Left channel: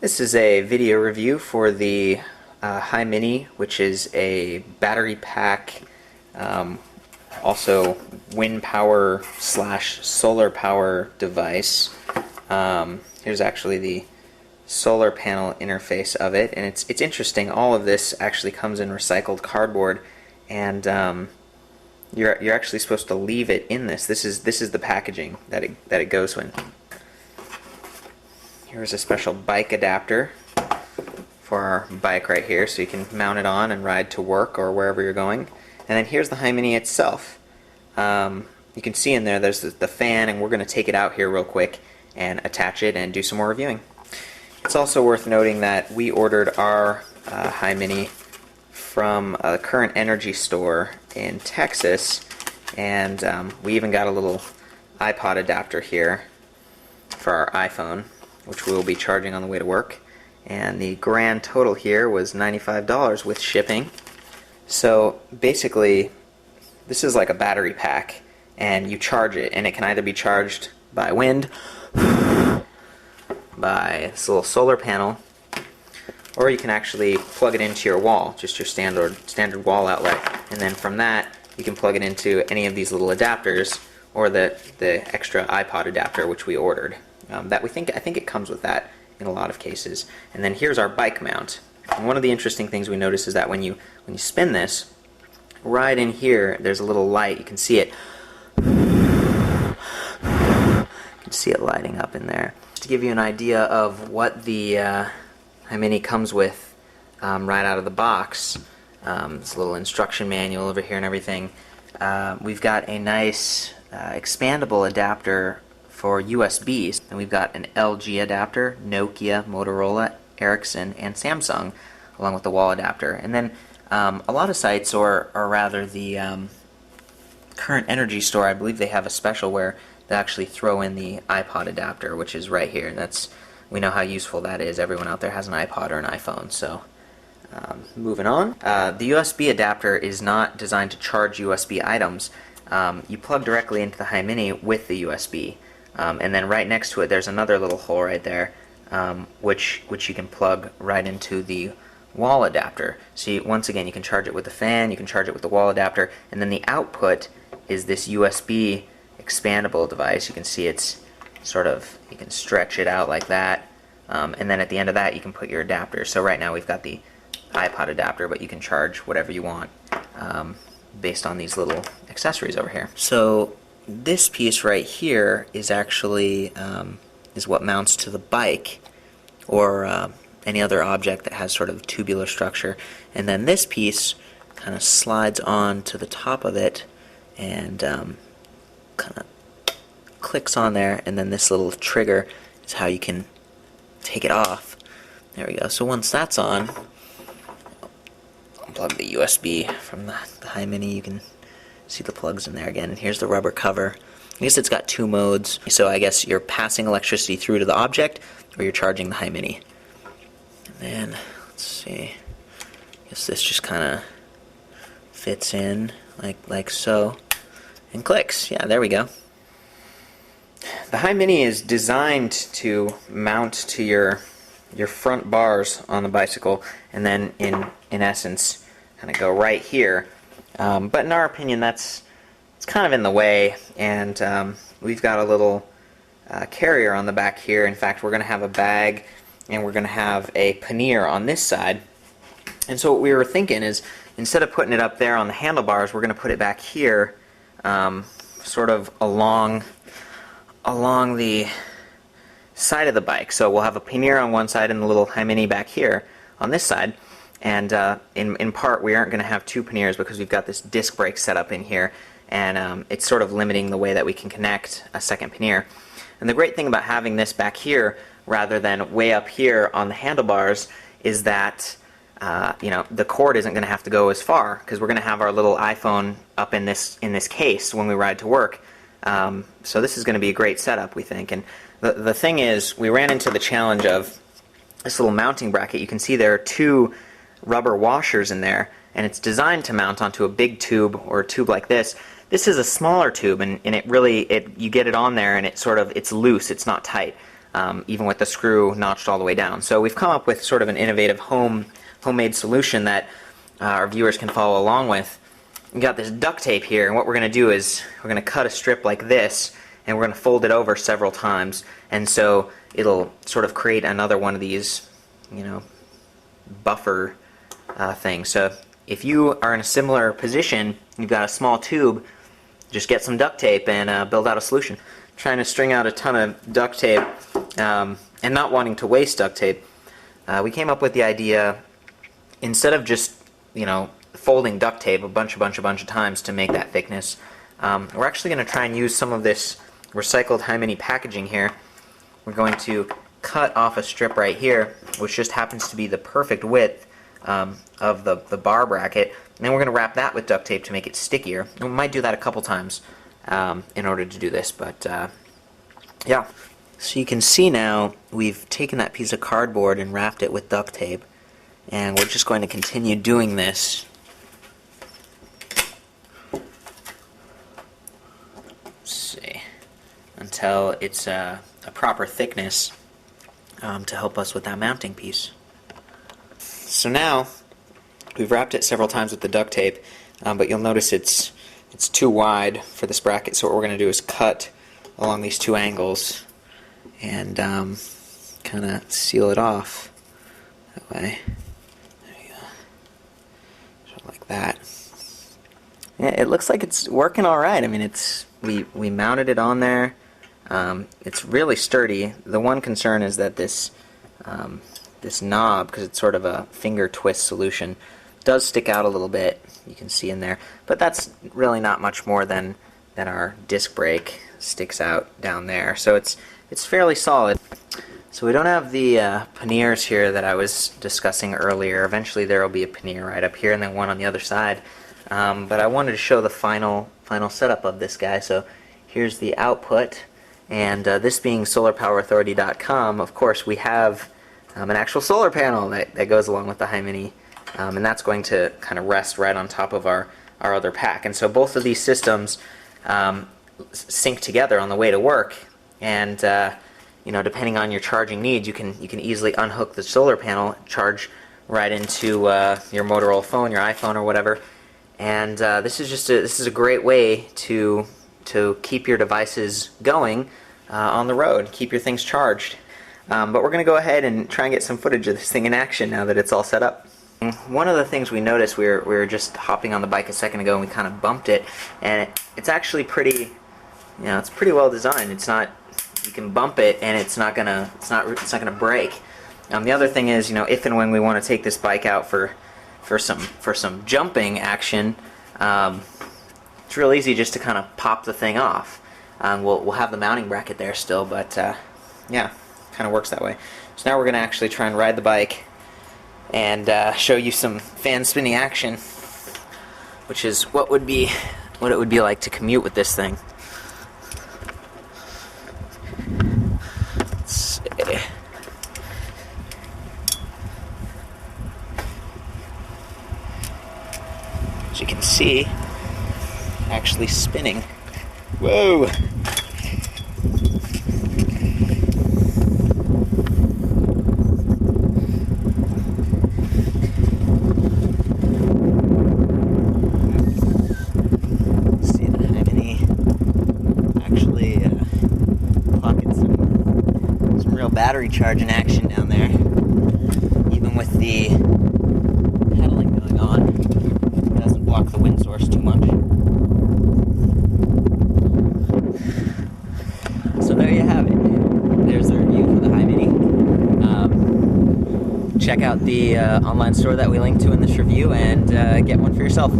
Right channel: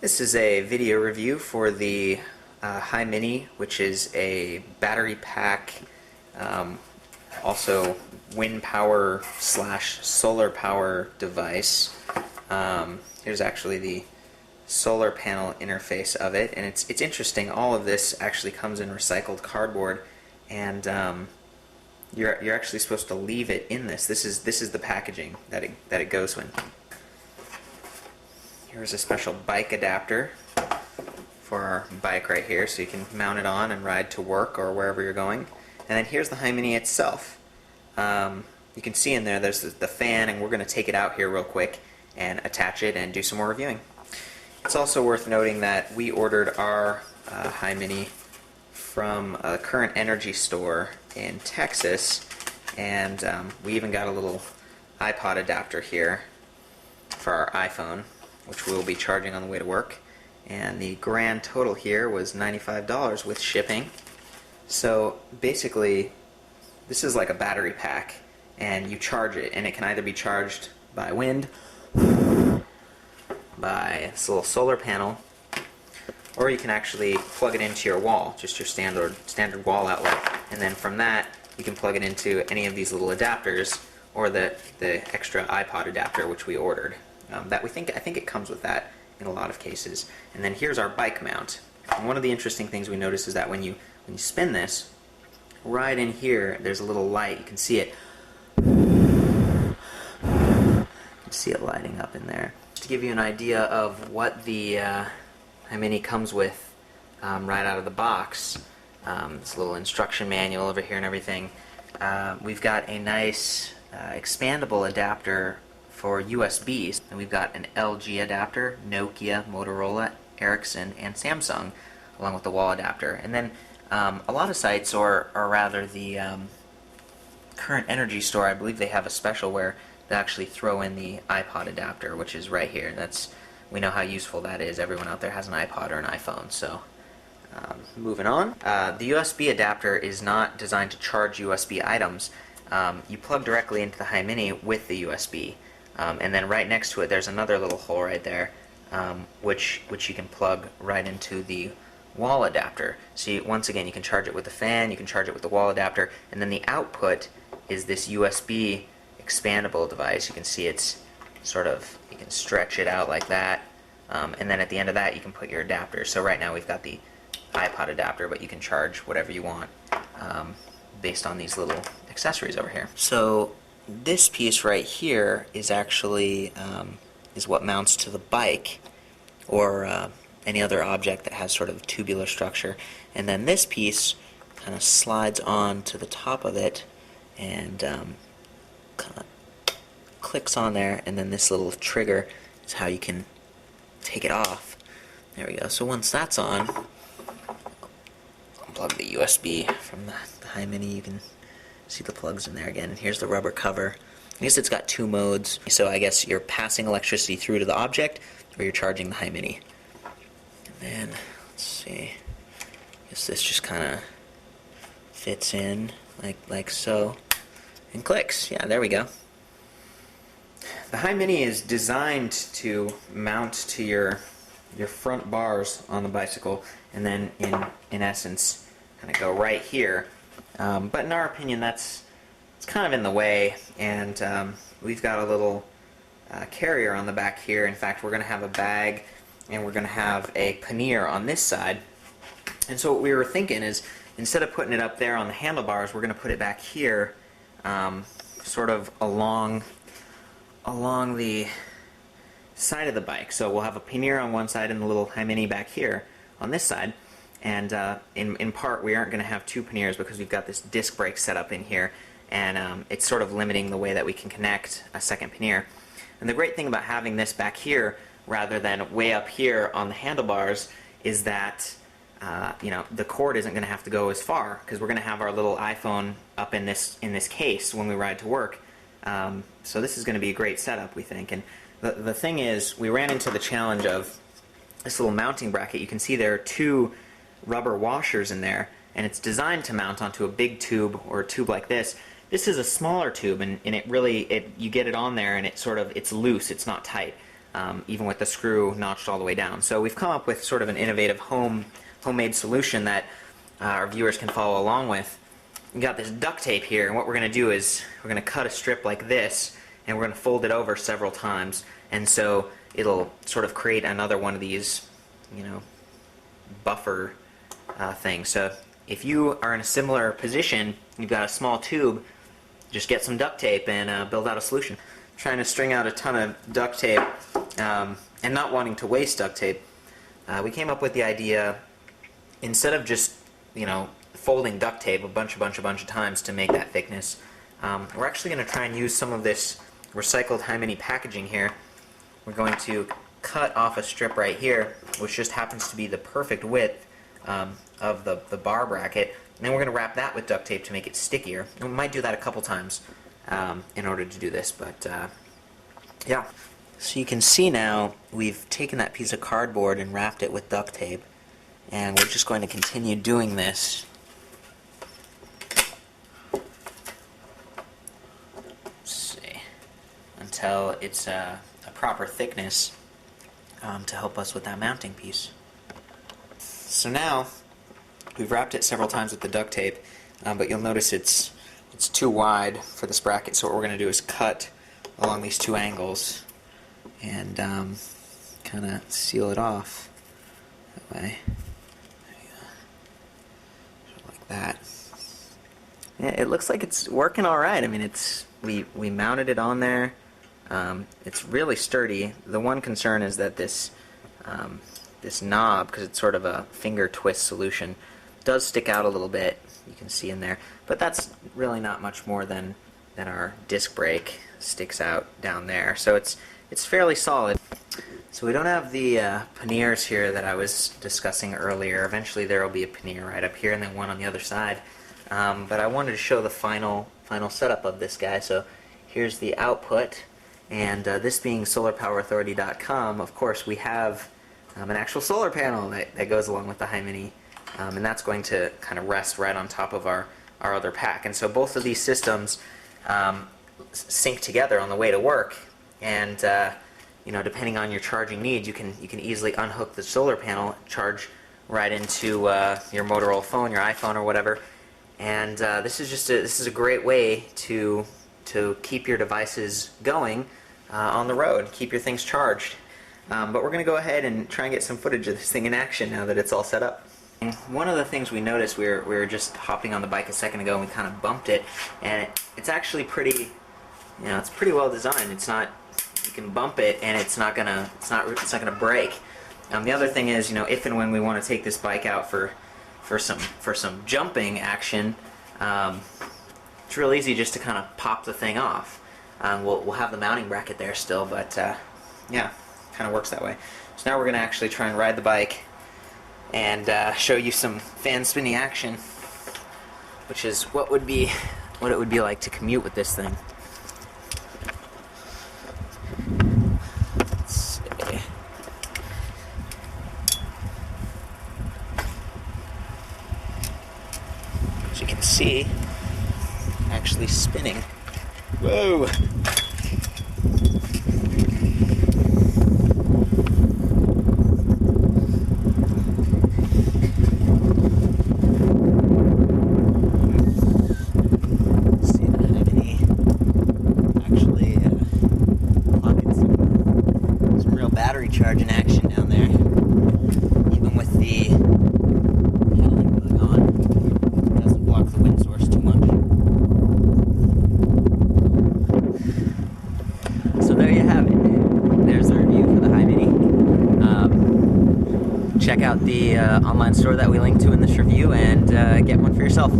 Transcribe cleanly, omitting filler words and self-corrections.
This is a video review for the HYmini, which is a battery pack, also wind power slash solar power device. Here's actually the solar panel interface of it, and it's interesting. All of this actually comes in recycled cardboard, and you're actually supposed to leave it in this. This is the packaging that it goes in. Here's a special bike adapter for our bike right here, so you can mount it on and ride to work or wherever you're going. And then here's the HYmini itself. You can see in there there's the fan, and we're going to take it out here real quick and attach it and do some more reviewing. It's also worth noting that we ordered our HYmini from a Current Energy store in Texas, and we even got a little iPod adapter here for our iPhone, which we will be charging on the way to work. And the grand total here was $95 with shipping. So basically, this is like a battery pack, and you charge it, and it can either be charged by wind, by this little solar panel, or you can actually plug it into your wall, just your standard wall outlet, and then from that you can plug it into any of these little adapters, or the extra iPod adapter which we ordered. I think it comes with that in a lot of cases. And then here's our bike mount. And one of the interesting things we notice is that when you spin this, right in here there's a little light. You can see it. You can see it lighting up in there. To give you an idea of what the HYmini comes with right out of the box, this little instruction manual over here and everything. We've got a nice expandable adapter for USBs, and we've got an LG adapter, Nokia, Motorola, Ericsson, and Samsung, along with the wall adapter. And then a lot of sites, or rather the Current Energy store, I believe they have a special where they actually throw in the iPod adapter, which is right here. We know how useful that is. Everyone out there has an iPod or an iPhone. So moving on. The USB adapter is not designed to charge USB items. You plug directly into the HYmini with the USB. And then right next to it there's another little hole right there, which you can plug right into the wall adapter. So once again, you can charge it with the fan, you can charge it with the wall adapter, and then the output is this USB expandable device. You can see it's you can stretch it out like that, and then at the end of that you can put your adapter. So right now we've got the iPod adapter, but you can charge whatever you want based on these little accessories over here. So this piece right here is actually is what mounts to the bike, or any other object that has sort of tubular structure. And then this piece kind of slides on to the top of it and kind of clicks on there, and then this little trigger is how you can take it off. There we go. So once that's on, unplug the USB from the HYmini. You can see the plugs in there again, and here's the rubber cover. I guess it's got two modes, so I guess you're passing electricity through to the object, or you're charging the HYmini. And then, let's see, I guess this just kind of fits in like so, and clicks. Yeah, there we go. The HYmini is designed to mount to your front bars on the bicycle, and then in essence kind of go right here. But in our opinion, it's kind of in the way, and we've got a little carrier on the back here. In fact, we're going to have a bag, and we're going to have a pannier on this side. And so what we were thinking is, instead of putting it up there on the handlebars, we're going to put it back here, sort of along the side of the bike. So we'll have a pannier on one side and the little HYmini back here on this side. And in part, we aren't going to have two panniers because we've got this disc brake set up in here, and it's sort of limiting the way that we can connect a second pannier. And the great thing about having this back here rather than way up here on the handlebars is that the cord isn't going to have to go as far, because we're going to have our little iPhone up in this case when we ride to work. So this is going to be a great setup, we think. And the thing is, we ran into the challenge of this little mounting bracket. You can see there are two rubber washers in there, and it's designed to mount onto a big tube, or a tube like this. This is a smaller tube, and you get it on there, and it's loose, it's not tight. even with the screw notched all the way down. So we've come up with sort of an innovative homemade solution that our viewers can follow along with. We've got this duct tape here, and what we're going to do is we're going to cut a strip like this, and we're going to fold it over several times, and so it'll sort of create another one of these, buffer things. So if you are in a similar position, you've got a small tube, just get some duct tape and build out a solution. Trying to string out a ton of duct tape and not wanting to waste duct tape, we came up with the idea, instead of just folding duct tape a bunch of times to make that thickness, we're actually going to try and use some of this recycled HYmini packaging here. We're going to cut off a strip right here, which just happens to be the perfect width of the bar bracket, and then we're going to wrap that with duct tape to make it stickier. And we might do that a couple times in order to do this, but yeah. So you can see now we've taken that piece of cardboard and wrapped it with duct tape, and we're just going to continue doing this until it's a proper thickness to help us with that mounting piece. So now we've wrapped it several times with the duct tape, but you'll notice it's too wide for this bracket, so what we're going to do is cut along these two angles and kind of seal it off that way. There you go. Sort of like that. Yeah, it looks like it's working all right. I mean, we mounted it on there. It's really sturdy. The one concern is that this knob, because it's sort of a finger twist solution, does stick out a little bit. You can see in there, but that's really not much more than our disc brake sticks out down there. So it's fairly solid. So we don't have the panniers here that I was discussing earlier. Eventually there will be a pannier right up here and then one on the other side. But I wanted to show the final setup of this guy. So here's the output, and this being solarpowerauthority.com, of course we have an actual solar panel that goes along with the HYmini, and that's going to kind of rest right on top of our other pack. And so both of these systems sync together on the way to work, and depending on your charging needs, you can easily unhook the solar panel, charge right into your Motorola phone, your iPhone, or whatever. And this is a great way to keep your devices going on the road, keep your things charged. But we're going to go ahead and try and get some footage of this thing in action now that it's all set up. One of the things we noticed, we were just hopping on the bike a second ago and we kind of bumped it, and it's actually pretty, it's pretty well designed. It's not, you can bump it and it's not gonna break. The other thing is, if and when we want to take this bike out for some jumping action, it's real easy just to kind of pop the thing off. We'll have the mounting bracket there still, but yeah, kind of works that way. So now we're going to actually try and ride the bike and show you some fan spinning action, which is what it would be like to commute with this thing. Let's see. As you can see, actually spinning. Whoa! See the HYmini actually clocking some real battery charge in action down there, even with the pedaling going on. It doesn't block the wind source too much. So there you have it. There's the review for the HYmini. Check out the online store that we linked to in this review and get one for yourself.